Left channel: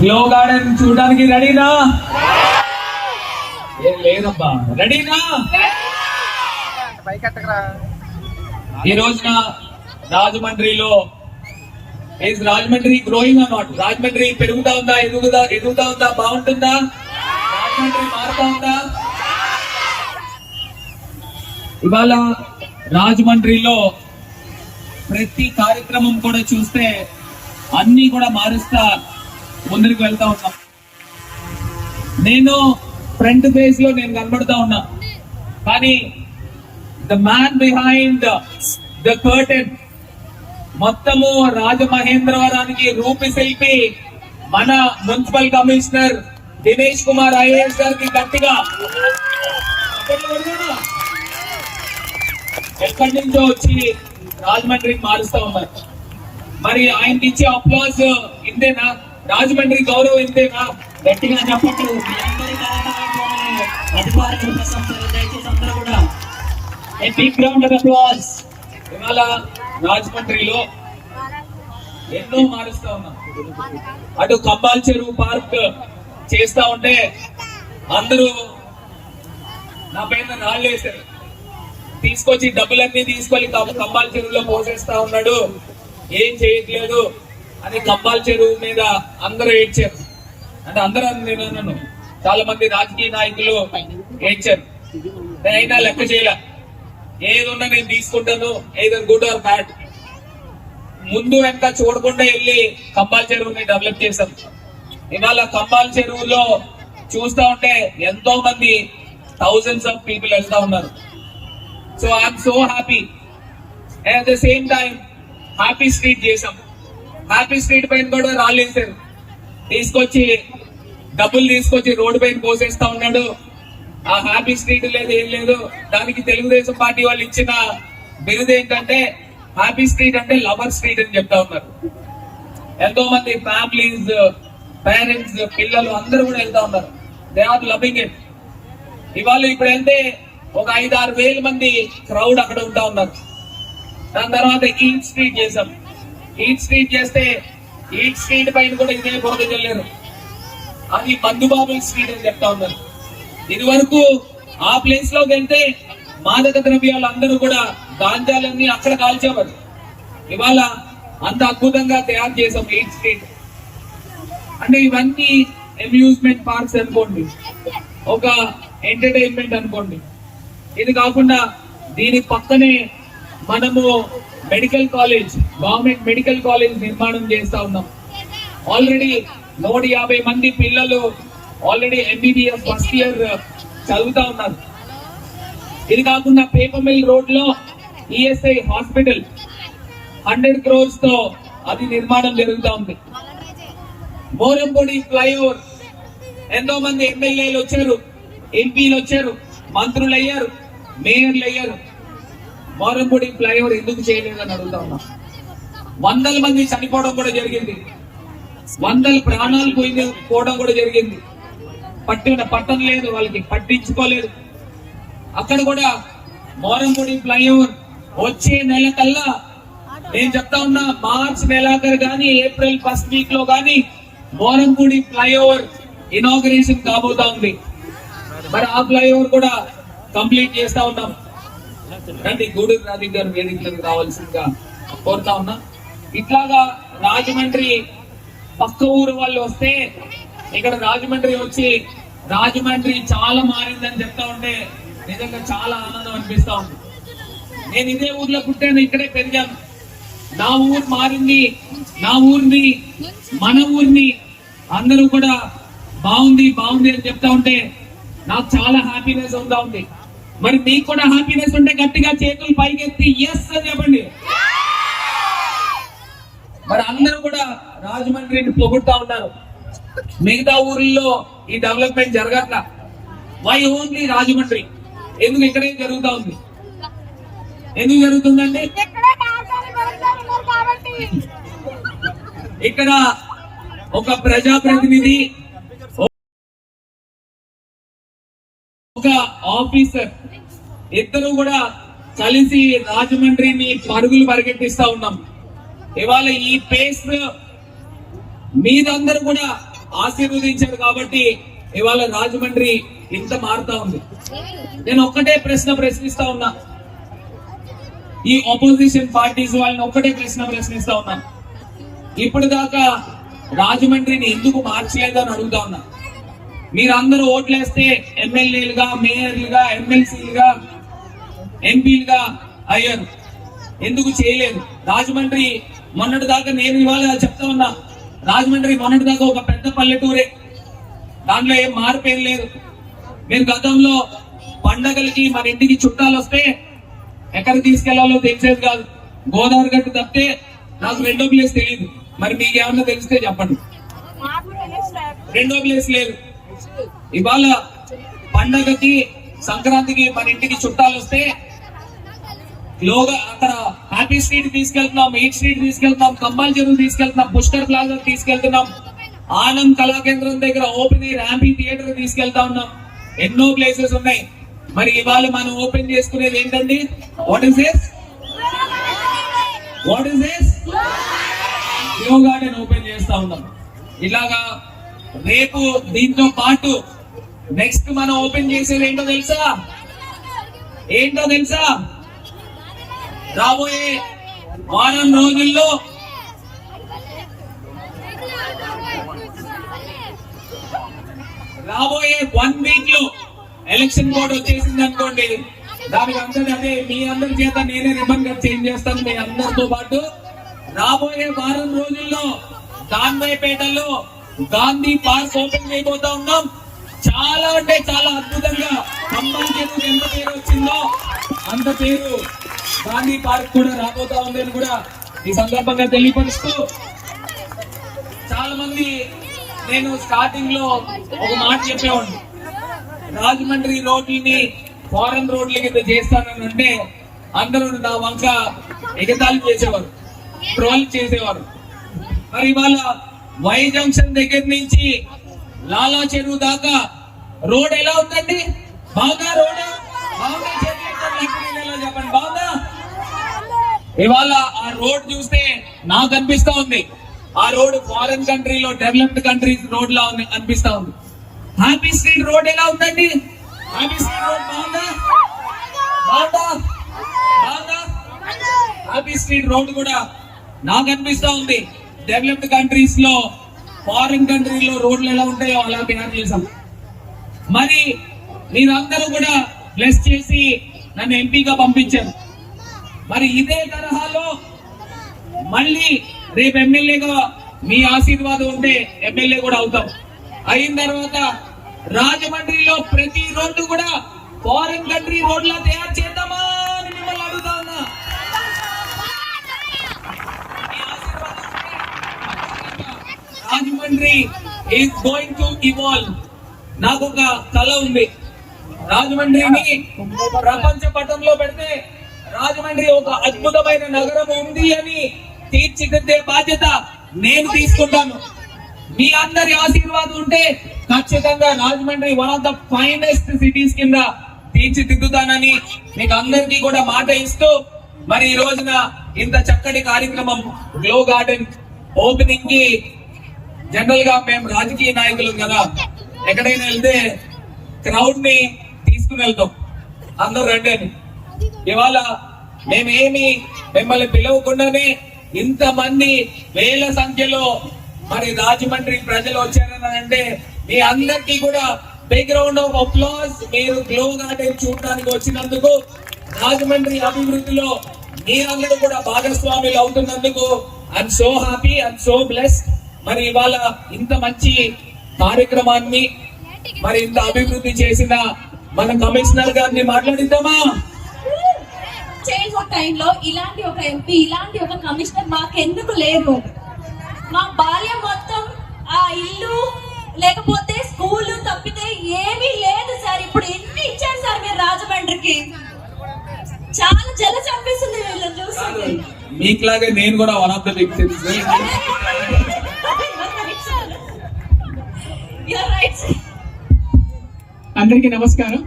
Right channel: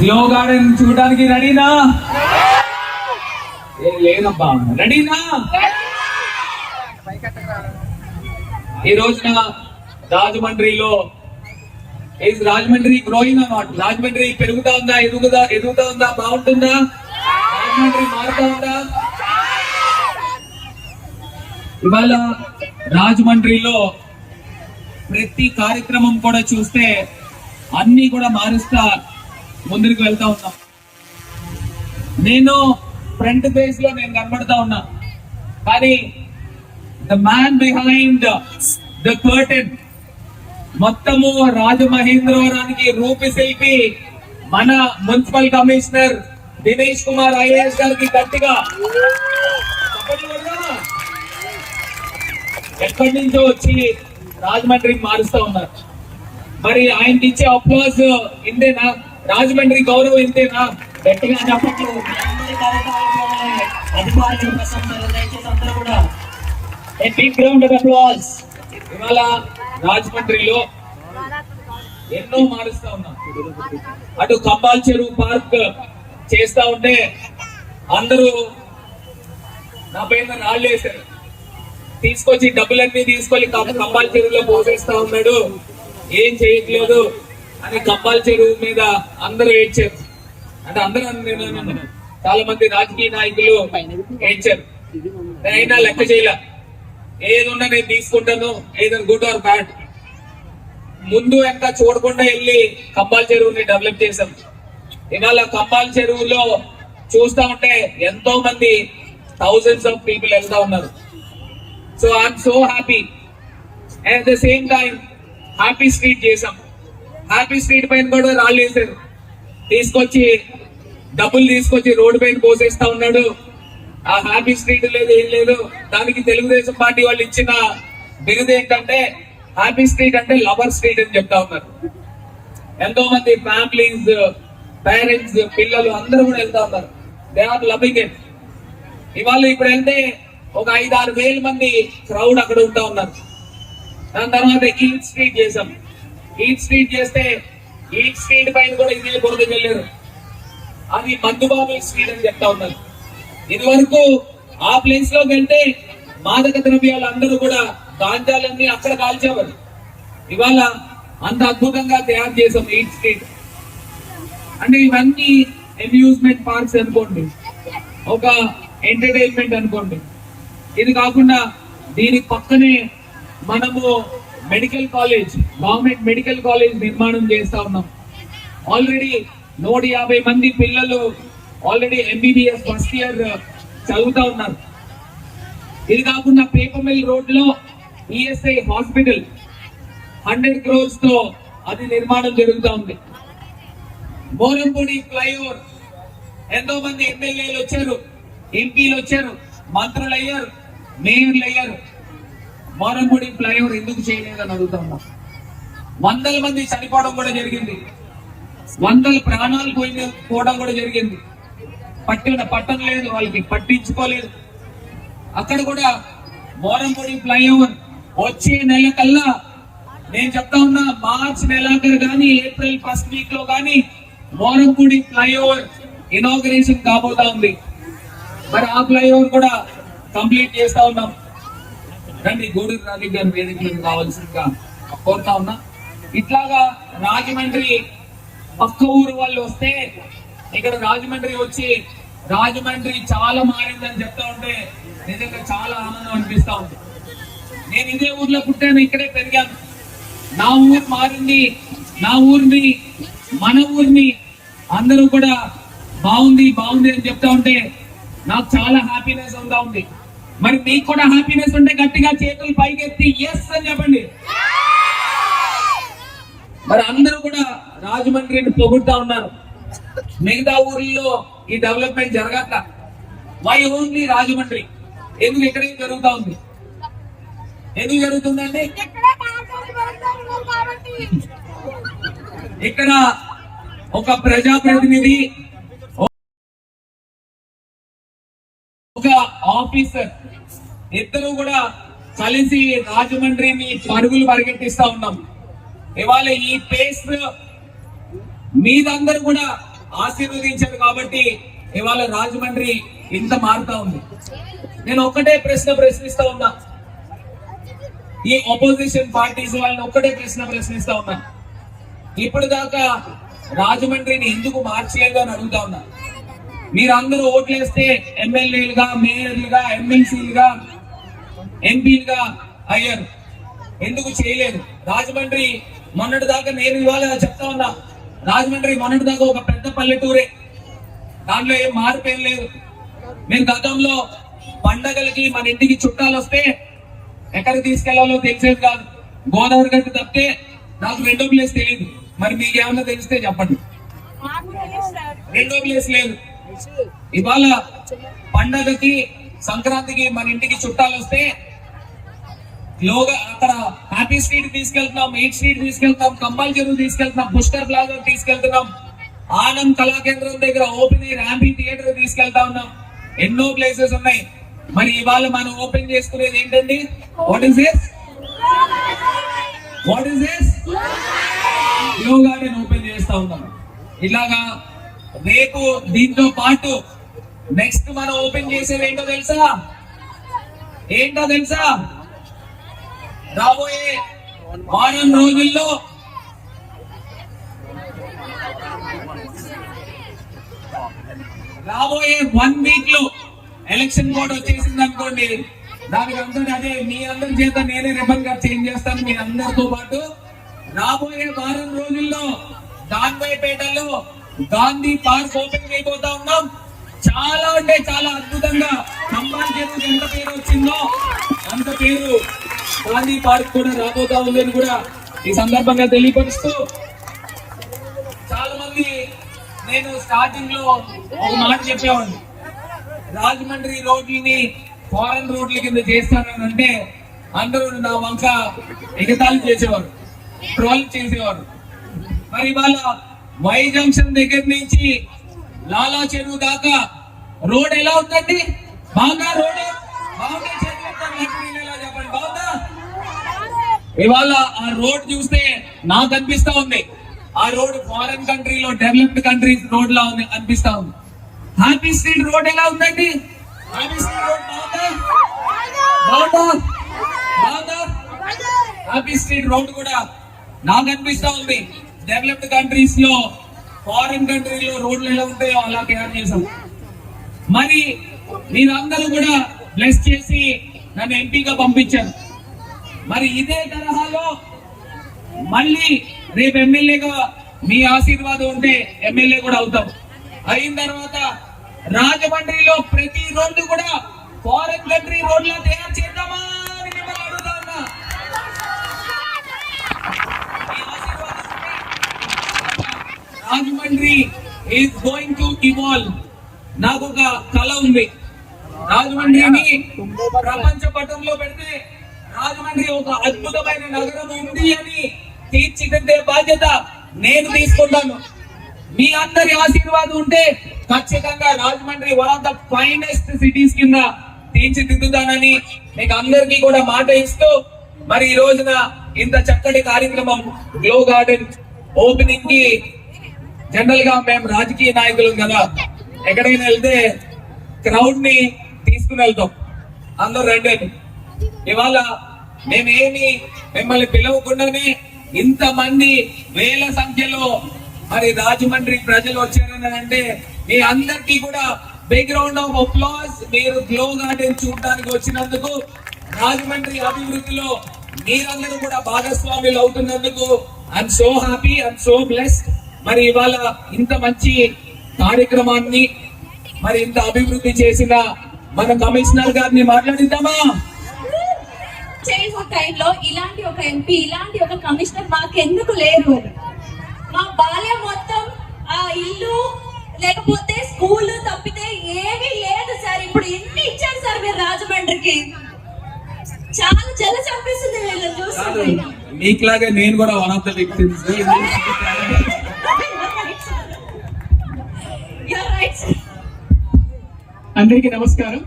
Glow garden చూడడానికి రెడీనా? ఏం లేదబ్బా. రెడీనా? ఈ రోజున రాజమండ్రిలో రాజమండ్రి గ్రోయింగ్ అన్నమాట. రాజమండ్రి పెరుగుతా ఉందా ఎదుగుదా ఎదుగుతా ఉందా బాగుంటుందా? రాజమండ్రి మారుతా ఉందా? ఇవాళ రాజమండ్రిలో ప్రతి కార్యక్రమం కూడా చూస్తే అన్ని కూడా మారుస్తా ముందుకు వెళ్తా ఉన్నాం. నేను ఫ్రంట్ ఫేజ్లో నేను కనబడతా ఉన్నా. కానీ the man behind the curtain మొత్తము రాజమహేంద్రవరానికి రూపిశిల్పి మన municipal commissioner Dinesh Kumar IAS గారికి గట్టిగా ఎక్కడి నుంచో వచ్చి రాజమండ్రికి మారుస్తా ఉన్నారు. మరి ఆయనకి ఇచ్చే అప్లాజ్ ఇందేనా రాజమండ్రి గౌరవం ఇంతేనా గట్టిగా చెప్పట్లు ఇవాళ రాజమండ్రిలో ఎన్నో మారుస్తా ఉన్నాం. అటు కంబాల్ చెరువు పార్క్ చేస్తా ఉంటే అందరూ నా పేరు రాళ్ళు వేశారు. తీసుకొచ్చి డబ్బులన్నీ తీసుకొని కం- కంబాల్ చెరువులో పోసేస్తా ఉన్నాడు. ఏం చేయట్లేదు. అని కంబాల్ చెరువు మీద అందరూ ఏడ్చారు. అంటే అందరూ నేను చాలా మంది రాజకీయ నాయకులు ఏడ్చారు. అయినా లెక్క చేయలే. ఏదున్నా నేను తీసుకుంటాను ఏదో గుడ్ ఆర్ బ్యాడ్. ముందు వెనక చూడకుండా వెళ్ళి కంబాల్ చెరువుని డెవలప్ చేశాం ఇవాళ కంబాల్ చెరువులో చూస్తా ఉంటే ఎంతో మంది థౌజండ్స్ ఆఫ్ పీపుల్ వెళ్తా ఉన్నారు. So I'm so happy and at the same time happy street చేసాం హ్యాపీ స్ట్రీట్ పైన కూడా రాళ్ళు వేసారు తీసుకొచ్చి డబ్బులు తీసుకొచ్చి రోడ్డు పైన పోసేస్తా ఉన్నాడు. ఆ హ్యాపీ స్ట్రీట్ లేదు ఏం లేదు. దానికి తెలుగుదేశం పార్టీ వాళ్ళు ఇచ్చిన బిరుదు ఏంటంటే హ్యాపీ స్ట్రీట్ అంటే లవర్ స్ట్రీట్ అని చెప్తా ఉన్నారు. ఎంతో మంది ఫ్యామిలీస్ పేరెంట్స్ పిల్లలు అందరూ కూడా వెళ్తా ఉన్నారు. దే ఆర్ లవింగ్ ఇట్ ఇవాళ ఇప్పుడు వెళ్తే ఒక ఐదు ఆరు వేల మంది క్రౌడ్ అక్కడ ఉంటా ఉన్నారు. దాని తర్వాత ఈట్ స్ట్రీట్ చేశాం. ఈట్ స్ట్రీట్ చేస్తే ఈట్ స్ట్రీట్ పైన కూడా ఇదే బురద చెల్లారు అది మందుబాబు స్ట్రీట్ అని చెప్తా ఉన్నారు. ఇది వరకు ఆ ప్లేస్లోకి వెళ్తే మాదక ద్రవ్యాలు అందరూ కూడా గాంజాలన్నీ అక్కడ కాల్చేవారు ఇవాళ అంత అద్భుతంగా తయారు చేసాం ఎయిట్ స్ట్రీట్ అంటే ఇవన్నీ అమ్యూజ్మెంట్ పార్క్స్ అనుకోండి. ఒక ఎంటర్టైన్మెంట్ అనుకోండి. ఇది కాకుండా దీని పక్కనే మనము medical college government medical college నిర్మాణం చేస్తా ఉన్నాం. ఆల్రెడీ నూట యాభై మంది పిల్లలు ఆల్రెడీ ఎంబీబీఎస్ ఫస్ట్ ఇయర్ చదువుతా ఉన్నారు. ఇది కాకుండా పేపర్ మిల్ రోడ్లో ఈఎస్ఐ హాస్పిటల్ హండ్రెడ్ క్రోర్స్తో అది నిర్మాణం జరుగుతూ ఉంది. మోరంపూడి ఫ్లైఓవర్ ఎంతో మంది ఎమ్మెల్యేలు వచ్చారు ఎంపీలు వచ్చారు మంత్రులు అయ్యారు మేయర్లు అయ్యారు మోరంపూడి ఫ్లైఓవర్ ఎందుకు చేయలేదని అడుగుతాము వందల మంది చనిపోవడం కూడా జరిగింది. వందల ప్రాణాలు పోయింది పోవడం కూడా జరిగింది. పట్టిన పట్టం లేదు వాళ్ళకి పట్టించుకోలేదు. అక్కడ కూడా మోరంపూడి ఫ్లైఓవర్ వచ్చే నెల కల్లా నేను చెప్తా ఉన్నా మార్చ్ నెలాఖరు కానీ ఏప్రిల్ ఫస్ట్ వీక్లో కానీ మోరంపూడి ఫ్లైఓవర్ ఇనాగ్రేషన్ కాబోతా ఉంది. మరి ఆ ఫ్లైఓవర్ కూడా కంప్లీట్ చేస్తా ఉన్నాం. రండి గూడూరు రాజు గారి వేదికలకు కావాల్సిందిగా కోరుతా ఉన్నా. ఇట్లాగా రాజమండ్రి పక్క ఊరు వాళ్ళు వస్తే ఇక్కడ రాజమండ్రి వచ్చి రాజమండ్రి చాలా మారిందని చెప్తా ఉంటే నిజంగా చాలా ఆనందం అనిపిస్తా ఉంది. నేను ఇదే ఊర్లో పుట్టాను ఇక్కడే పెరిగాను. నా ఊరు మారింది నా ఊరిని మన ఊరిని అందరూ కూడా బాగుంది బాగుంది అని చెప్తా ఉంటే నాకు చాలా హ్యాపీనెస్ ఉందా ఉంది. మరి మీకు కూడా హ్యాపీనెస్ ఉంటే గట్టిగా చేతులు పైకెత్తి ఎస్ అని చెప్పండి. మరి అందరూ కూడా రాజమండ్రిని పొగుడుతా ఉన్నారు. మిగతా ఊర్లలో ఈ డెవలప్మెంట్ జరగట్ల. Why only Rajahmundry? ఎందుకు ఇక్కడే జరుగుతా ఉంది? ఎందుకు జరుగుతుందండి? ఇక్కడ ఒక ప్రజాప్రతినిధి ఒక ఆఫీసర్ ఇద్దరు కూడా కలిసి రాజమండ్రిని పరుగులు పరిగెట్టిస్తా ఉన్నాం. ఇవాళ ఈ పేస్ మీదందరూ కూడా ఆశీర్వదించారు కాబట్టి ఇవాళ రాజమండ్రి ఇంత మారుతా ఉంది. నేను ఒక్కటే ప్రశ్న ప్రశ్నిస్తా ఉన్నా. ఈ ఆపోజిషన్ పార్టీస్ వాళ్ళని ఒక్కటే ప్రశ్న ప్రశ్నిస్తా ఉన్నా. ఇప్పుడు దాకా రాజమండ్రిని ఎందుకు మార్చలేదు అని అడుగుతా ఉన్నా. మీరందరూ ఓట్లేస్తే ఎమ్మెల్యేలుగా మేయర్లుగా ఎమ్మెల్సీలుగా ఎంపీలుగా అయ్యారు. ఎందుకు చేయలేదు? రాజమండ్రి మొన్నటి దాకా నేను ఇవాళ చెప్తా ఉన్నా రాజమండ్రి మొన్నటి దాకా ఒక పెద్ద పల్లెటూరే. దాంట్లో ఏం మార్పు లేదు. మీరు గతంలో పండగలకి మన ఇంటికి చుట్టాలు వస్తే ఎక్కడికి తీసుకెళ్ళాలో తెలిసేది కాదు. గోదావరి గట్టు తప్పితే నాకు రెండో ప్లేస్ తెలియదు మరి మీకు ఏమన్నా తెలిస్తే చెప్పండి. రెండో ప్లేస్ లేదు. ఇవాళ పండగకి సంక్రాంతికి మన ఇంటికి చుట్టాలు వస్తే లోగా అక్కడ హ్యాపీ స్ట్రీట్ తీసుకెళ్తున్నాం ఎయిట్ స్ట్రీట్ తీసుకెళ్తున్నాం కమ్మాల్ చెరువు తీసుకెళ్తున్నాం పుష్కర్ ప్లాజా తీసుకెళ్తున్నాం. ఆనంద్ కళాకేంద్రం దగ్గర ఓపెన్ ఎయిర్ యాంపీ థియేటర్ తీసుకెళ్తా ఉన్నాం. ఎన్నో ప్లేసెస్ ఉన్నాయి. మరి ఇవాళ మనం ఓపెన్ చేసుకునేది ఏంటండి? What is this what is this యోగాని ఓపెన్ చేస్తా ఉన్నాం. ఇలాగా రేపు దీంతో పాటు నెక్స్ట్ మనం ఓపెన్ చేసేది ఏంటో తెలుసా? ఏంటో తెలుసా? రాబోయే వారం రోజుల్లో రాబోయే వన్ వీక్లో ఎలక్షన్ బోర్డ్ వచ్చేసింది అనుకోండి దానికి అందరూ అదే మీ అందరి చేత నేనే రిబన్ కట్ చేంజ్ చేస్తాను మీ అందరితో పాటు. రాబోయే వారం రోజుల్లో గాంధీపేటలో గాంధీ పార్క్ ఓపెన్ అయిపోతా ఉన్నాం. చాలా అంటే చాలా అద్భుతంగా. ఖమ్మం ఎంత పేరు వచ్చిందో అంత పేరు గాంధీ పార్క్ కూడా రాబోతా ఉందని కూడా ఈ సందర్భంగా తెలియపరుస్తూ చాలా మంది నేను స్టార్టింగ్లో ఒక మాట చెప్పేవాడిని. రాజమండ్రి రోడ్లని ఫారెన్ రోడ్ల కింద చేస్తానని అంటే అందరూ నా వంక ఎగతాళి చేసేవారు ట్రోల్ చేసేవారు. మరి ఇవాళ వై జంక్షన్ దగ్గర నుంచి లాలా చెరువు దాకా రోడ్ ఎలా ఉందండి? బాగా రోడ్ ఇవాళ ఆ రోడ్ చూస్తే నాకు అనిపిస్తా ఉంది. ఆ రోడ్ ఫారెన్ కంట్రీలో డెవలప్డ్ కంట్రీస్ రోడ్ లా ఉంది అనిపిస్తా ఉంది. హ్యాపీ స్ట్రీట్ రోడ్ ఎలా ఉందండి? హ్యాపీ స్ట్రీట్ రోడ్ బాగుందా? బాగుందా? బాగుందా? హ్యాపీ స్ట్రీట్ రోడ్ కూడా నాకు అనిపిస్తా ఉంది. డెవలప్డ్ కంట్రీస్లో ఫారిన్ కంట్రీలో రోడ్లు ఎలా ఉంటాయో అలా తయారు చేశాం. మరి మీరందరూ కూడా బ్లెస్ చేసి నన్ను ఎంపీగా పంపించారు. మరి ఇదే తరహాలో మళ్ళీ రేపు ఎమ్మెల్యేగా మీ ఆశీర్వాదం ఉంటే ఎమ్మెల్యే కూడా అవుతాం. అయిన తర్వాత రాజమండ్రిలో ప్రతి రోడ్డు కూడా ఫారెన్ కంట్రీ రోడ్లా తయారు చేద్దామా Rajahmundry is going to evolve నాకు ఒక కళ ఉంది. రాజమండ్రిని ప్రపంచ పటంలో పెడితే రాజమండ్రి ఒక అద్భుతమైన నగరం ఉంది అని తీర్చిదిద్దే బాధ్యత నేను తీసుకుంటాను. మీ అందరి ఆశీర్వాదం ఉంటే ఖచ్చితంగా Rajahmundry one of the finest cities కింద తీర్చిదిద్దుతానని మీకు అందరికీ కూడా మాట ఇస్తూ మరి ఈ రోజున ఇంత చక్కటి కార్యక్రమం గ్లో గార్డెన్ ఓపెనింగ్కి జనరల్గా మేము రాజకీయ నాయకులం కదా. ఎక్కడైనా వెళ్తే క్రౌడ్ని తీసుకుని వెళ్తాం. అందరూ రండి ఇవాళ మేమేమి మిమ్మల్ని పిలవకుండానే ఇంతమంది వేల సంఖ్యలో మరి రాజమండ్రి ప్రజలు వచ్చారని అంటే మీ అందరికీ కూడా బ్యాక్గ్రౌండ్ ఆఫ్ అప్లాస్ మీరు గ్లో గార్డెన్ చూడడానికి వచ్చినందుకు రాజమండ్రి అభివృద్ధిలో మీరందరూ కూడా భాగస్వాములు అవుతున్నందుకు I'm so happy I'm so blessed మరి ఇవాళ ఇంత మంచి కార్యక్రమాన్ని మరి ఇంత అభివృద్ధి చేసిన మన కమిషనర్ గారిని మాట్లాడిద్దామా? చేంజ్ ఒక టైంలో ఇలాంటి ఒక ఎంపీ ఇలాంటి ఒక కమిషనర్ మాకెందుకు లేరు? మా బాల్యం మొత్తం ఆ ఇల్లు లేకపోతే స్కూల్ తప్పితే ఏమీ లేదు సార్. ఇప్పుడు ఎన్ని ఇచ్చారు సార్ మీరు రాజమండ్రికి? చాలా జల చంపేస్తుంది వీళ్ళని కాదు చూస్తుంది మీకులాగే నేను కూడా one of the victims You're right, sir. అందరికీ నమస్కారం.